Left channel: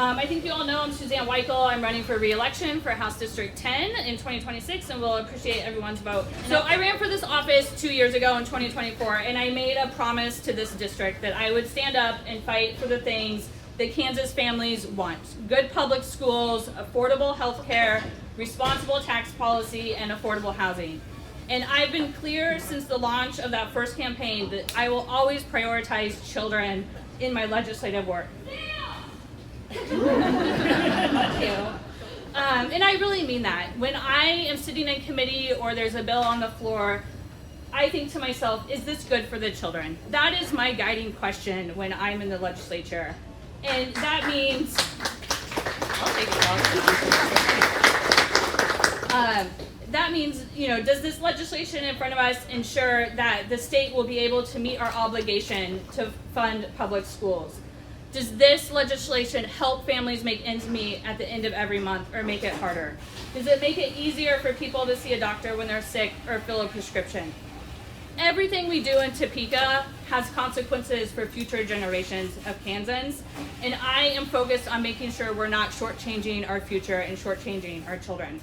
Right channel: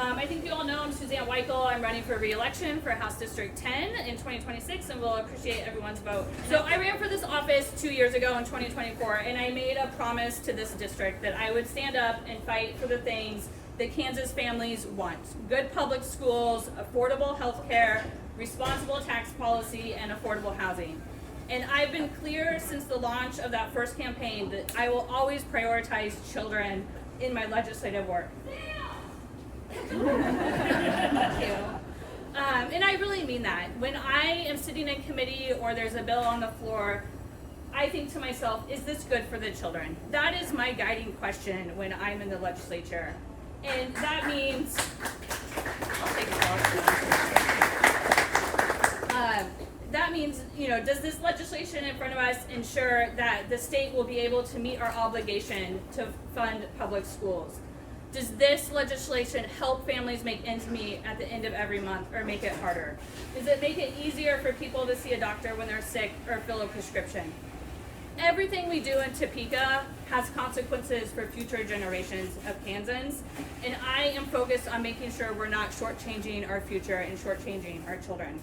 I think you all know I'm Suzanne Wikle. I'm running for re-election for House District 10 in 2026, and we'll appreciate everyone's vote. So I ran for this office 2 years ago in 2024, and I made a promise to this district that I would stand up and fight for the things that Kansas families want. Good public schools, affordable health care, responsible tax policy, and affordable housing. And I've been clear since the launch of that first campaign that I will always prioritize children in my legislative work. Thank you. And I really mean that. When I am sitting in committee or there's a bill on the floor, I think to myself, is this good for the children? That is my guiding question when I'm in the legislature. And that means, I'll take it. That means, does this legislation in front of us ensure that the state will be able to meet our obligation to fund public schools? Does this legislation help families make ends meet at the end of every month or make it harder? Does it make it easier for people to see a doctor when they're sick or fill a prescription? Everything we do in Topeka has consequences for future generations of Kansans, and I am focused on making sure we're not shortchanging our future and shortchanging our children.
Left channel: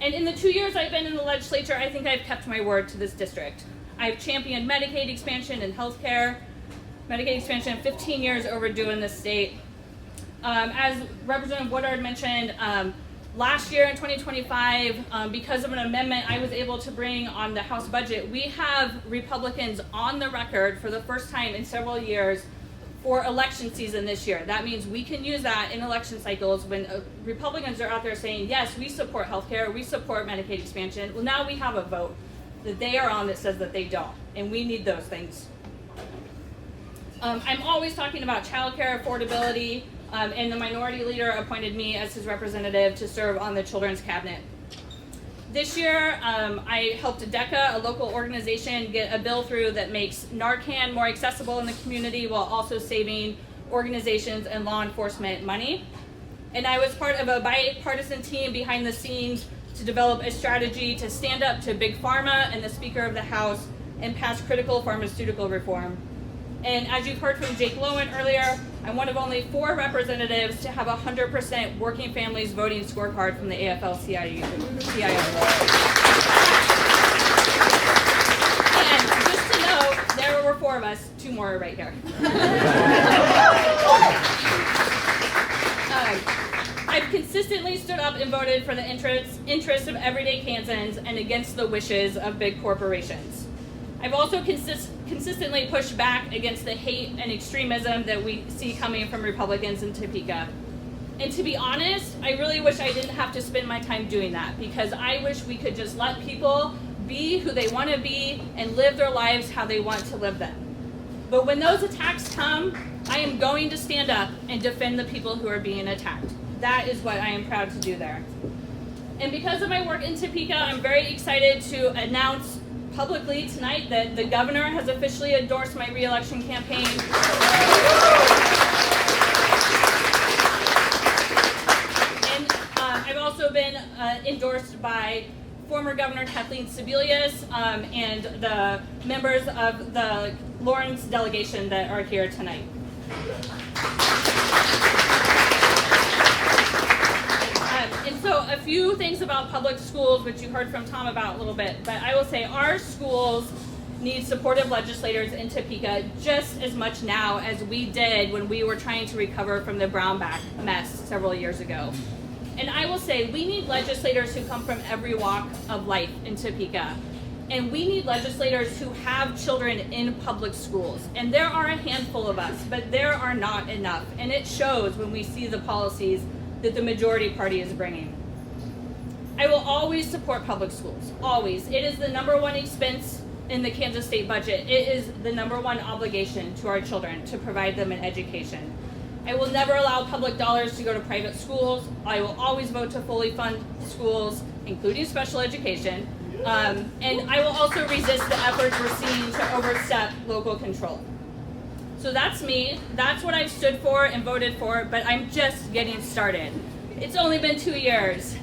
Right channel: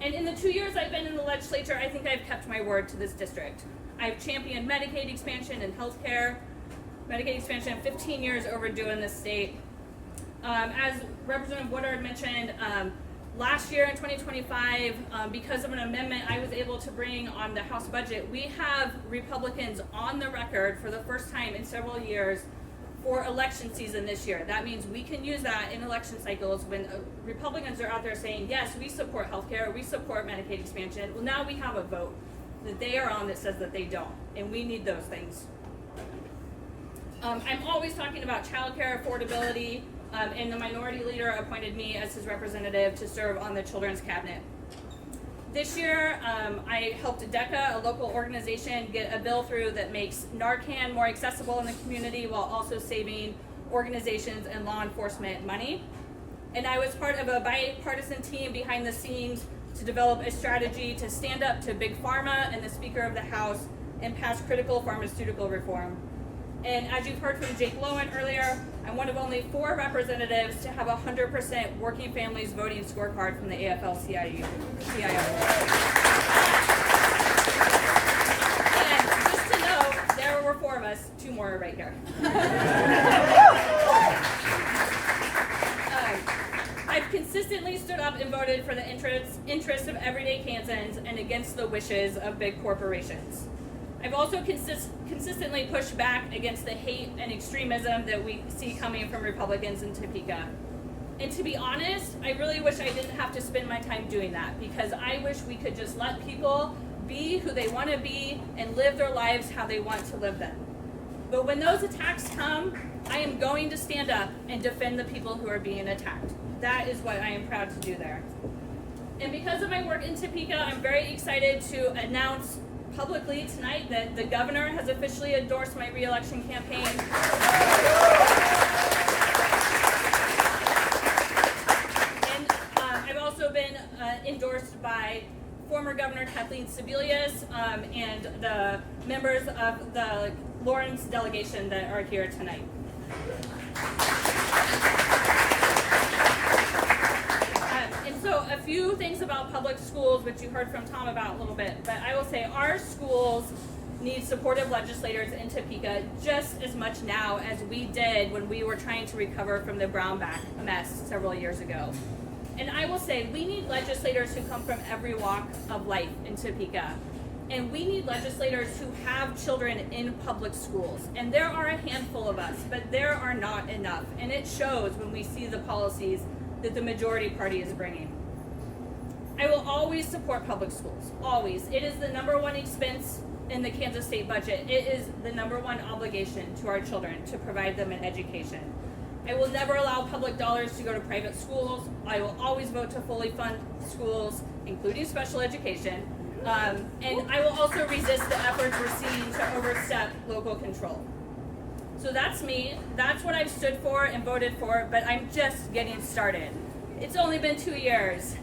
And in the 2 years I've been in the legislature, I think I've kept my word to this district. I've championed Medicaid expansion and healthcare. Medicaid expansion, 15 years overdue in this state. As Representative Woodard mentioned, last year in 2025, because of an amendment I was able to bring on the House budget, we have Republicans on the record for the first time in several years for election season this year. That means we can use that in election cycles when Republicans are out there saying, yes, we support healthcare, we support Medicaid expansion. Well, now we have a vote that they are on that says that they don't, and we need those things. I'm always talking about childcare affordability, and the minority leader appointed me as his representative to serve on the Children's Cabinet. This year, I helped DECA, a local organization, get a bill through that makes Narcan more accessible in the community while also saving organizations and law enforcement money. And I was part of a bipartisan team behind the scenes to develop a strategy to stand up to Big Pharma and the Speaker of the House and pass critical pharmaceutical reform. And as you've heard from Jake Lowen earlier, I'm one of only 4 representatives to have 100% working families voting scorecard from the AFL-CIO. And just to note, there were 4 of us, 2 more are right here. I've consistently stood up and voted for the interests of everyday Kansans and against the wishes of big corporations. I've also consistently pushed back against the hate and extremism that we see coming from Republicans in Topeka. And to be honest, I really wish I didn't have to spend my time doing that, because I wish we could just let people be who they want to be and live their lives how they want to live them. But when those attacks come, I am going to stand up and defend the people who are being attacked. That is what I am proud to do there. And because of my work in Topeka, I'm very excited to announce publicly tonight that the governor has officially endorsed my re-election campaign. And I've also been endorsed by former Governor Kathleen Sebelius and the members of the Lawrence delegation that are here tonight. And so a few things about public schools, which you heard from Tom about a little bit, but I will say our schools need supportive legislators in Topeka just as much now as we did when we were trying to recover from the Brownback mess several years ago. And I will say we need legislators who come from every walk of life in Topeka. And we need legislators who have children in public schools. And there are a handful of us, but there are not enough. And it shows when we see the policies that the majority party is bringing. I will always support public schools, always. It is the #1 expense in the Kansas state budget. It is the #1 obligation to our children to provide them an education. I will never allow public dollars to go to private schools. I will always vote to fully fund schools, including special education. And I will also resist the efforts we're seeing to overstep local control. So that's me. That's what I've stood for and voted for, but I'm just getting started. It's only been 2 years,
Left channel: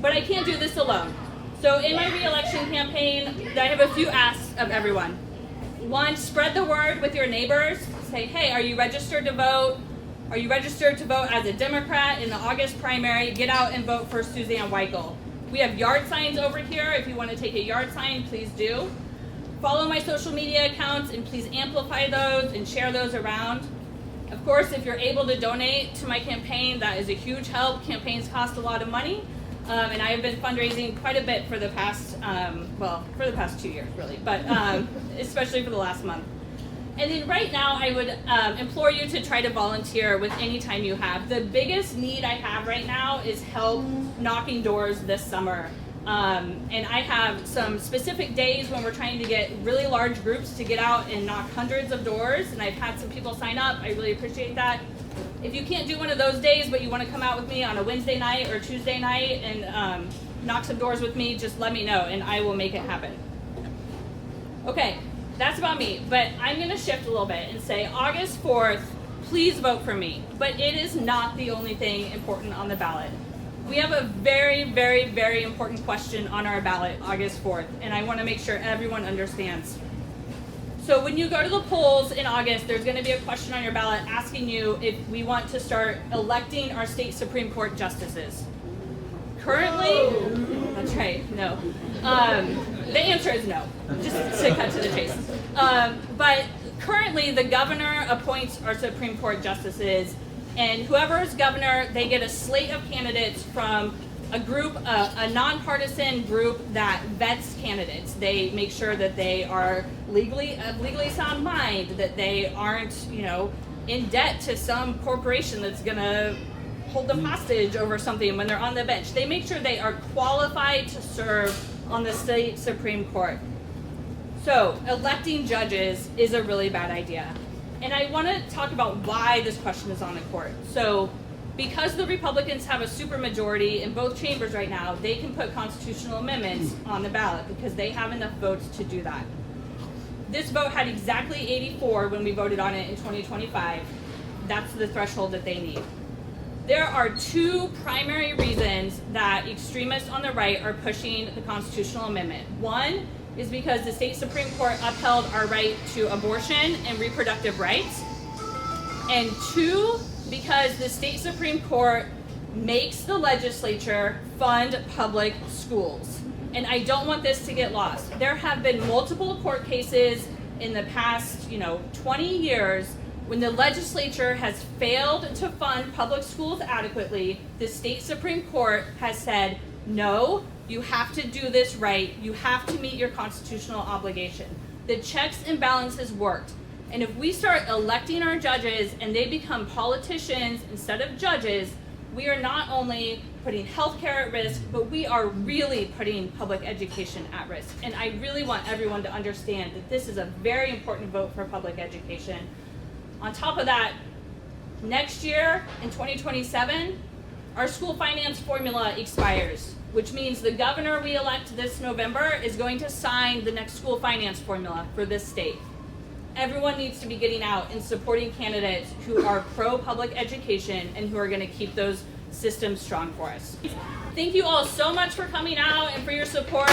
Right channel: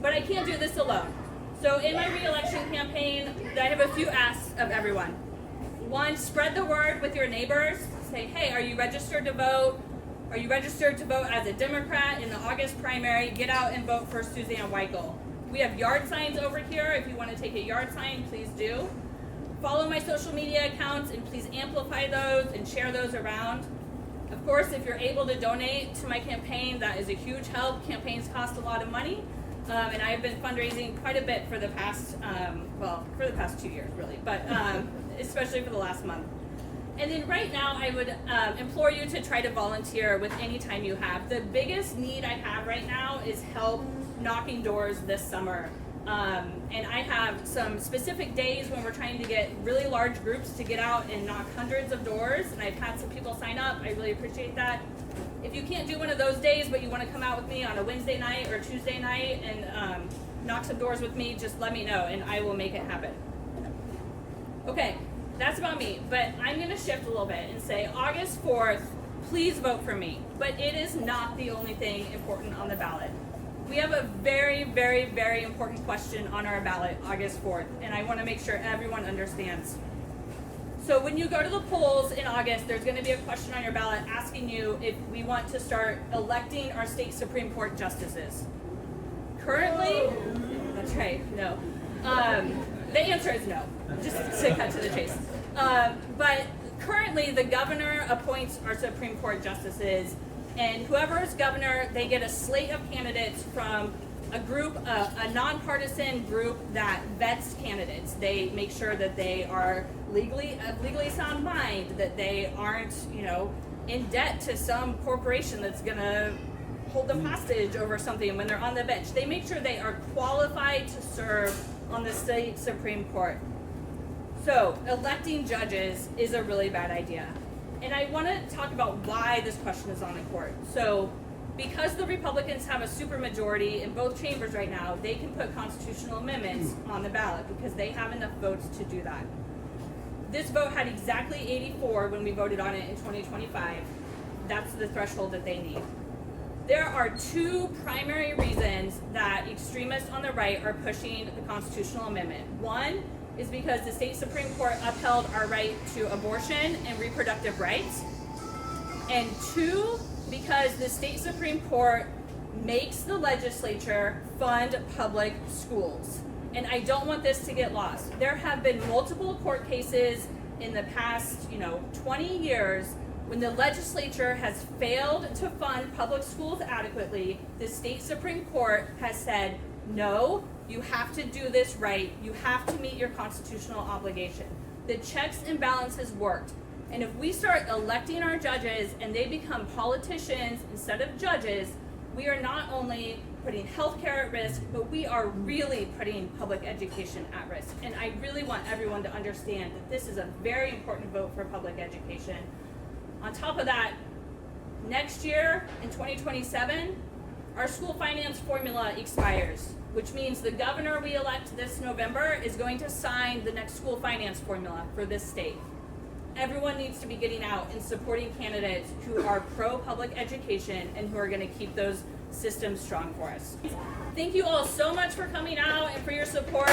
but I can't do this alone. So in my re-election campaign, I have a few asks of everyone. 1, spread the word with your neighbors. Say, hey, are you registered to vote? Are you registered to vote as a Democrat in the August primary? Get out and vote for Suzanne Wikle. We have yard signs over here. If you want to take a yard sign, please do. Follow my social media accounts and please amplify those and share those around. Of course, if you're able to donate to my campaign, that is a huge help. Campaigns cost a lot of money, and I have been fundraising quite a bit for the past, for the past 2 years, really, but especially for the last month. And then right now, I would implore you to try to volunteer with any time you have. The biggest need I have right now is help knocking doors this summer. And I have some specific days when we're trying to get really large groups to get out and knock hundreds of doors, and I've had some people sign up. I really appreciate that. If you can't do one of those days, but you want to come out with me on a Wednesday night or Tuesday night and knock some doors with me, just let me know and I will make it happen. Okay, that's about me, but I'm going to shift a little bit and say August 4th, please vote for me. But it is not the only thing important on the ballot. We have a very, very, very important question on our ballot August 4th, and I want to make sure everyone understands. So when you go to the polls in August, there's going to be a question on your ballot asking you if we want to start electing our state Supreme Court justices. Currently, that's right, no. The answer is no, just to cut to the chase. But currently, the governor appoints our Supreme Court justices, and whoever is governor, they get a slate of candidates from a group, a nonpartisan group that vets candidates. They make sure that they are legally sound mind, that they aren't, in debt to some corporation that's gonna hold them hostage over something when they're on the bench. They make sure they are qualified to serve on the state Supreme Court. So electing judges is a really bad idea. And I want to talk about why this question is on the court. So because the Republicans have a supermajority in both chambers right now, they can put constitutional amendments on the ballot because they have enough votes to do that. This vote had exactly 84 when we voted on it in 2025. That's the threshold that they need. There are two primary reasons that extremists on the right are pushing the constitutional amendment. One is because the state Supreme Court upheld our right to abortion and reproductive rights. And two, because the state Supreme Court makes the legislature fund public schools. And I don't want this to get lost. There have been multiple court cases in the past, 20 years when the legislature has failed to fund public schools adequately. The state Supreme Court has said, no, you have to do this right. You have to meet your constitutional obligation. The checks and balances worked. And if we start electing our judges and they become politicians instead of judges, we are not only putting healthcare at risk, but we are really putting public education at risk. And I really want everyone to understand that this is a very important vote for public education. On top of that, next year in 2027, our school finance formula expires, which means the governor we elect this November is going to sign the next school finance formula for this state. Everyone needs to be getting out and supporting candidates who are pro-public education and who are going to keep those systems strong for us. Thank you all so much for coming out and for your support.